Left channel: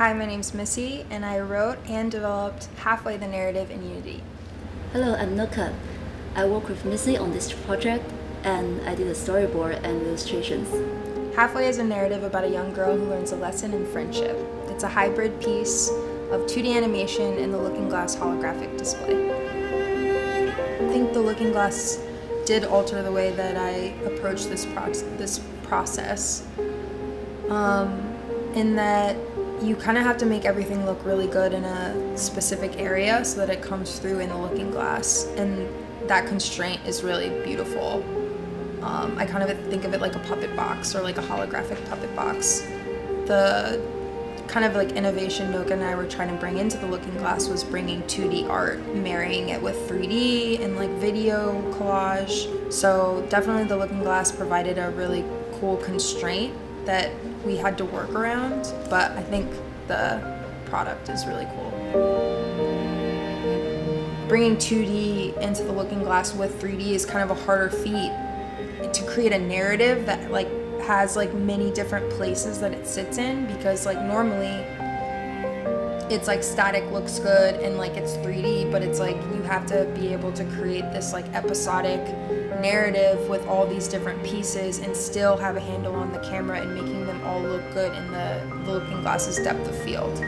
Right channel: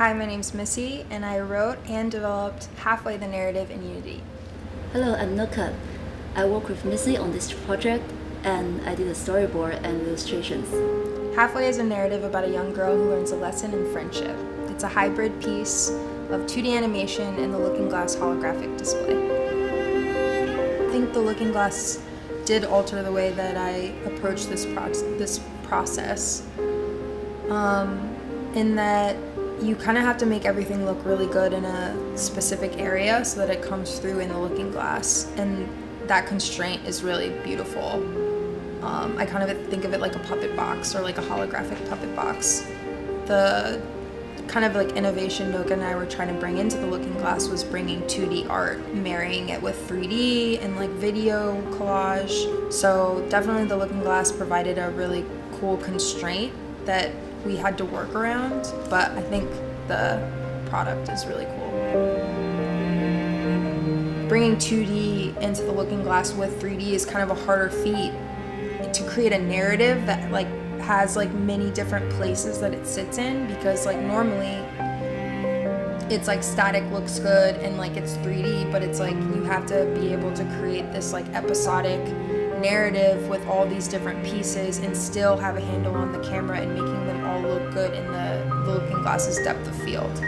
Hi, my name's Missy, and I wrote and developed Halfway the Narrative in Unity. Hello, I'm Noca. I work with Missy on this project, and I did a storyboard and illustrations. Halfway is a narrative about a young girl who learns a lesson in friendship. It's a hybrid piece of 2D animation and the Looking Glass holographic display. I think the Looking Glass did alter the way that I approach this process, in that you kind of have to make everything look really good in a specific area so that it comes through in the Looking Glass, and that constraint is really beautiful. I kind of think of it like a puppet box or like a holographic puppet box. The kind of like innovation Noca and I were trying to bring into the Looking Glass was bringing 2D art, marrying it with 3D and like video collage. So definitely the Looking Glass provided a really cool constraint that we had to work around, but I think the product is really cool. Bringing 2D into the Looking Glass with 3D is kind of a harder feat to create a narrative that like has like many different places that it sits in, because like normally it's like static looks good and like it's 3D, but it's like you have to be able to create this like episodic narrative with all these different pieces and still have a handle on the camera and making them all look good in the Looking Glass's depth of field.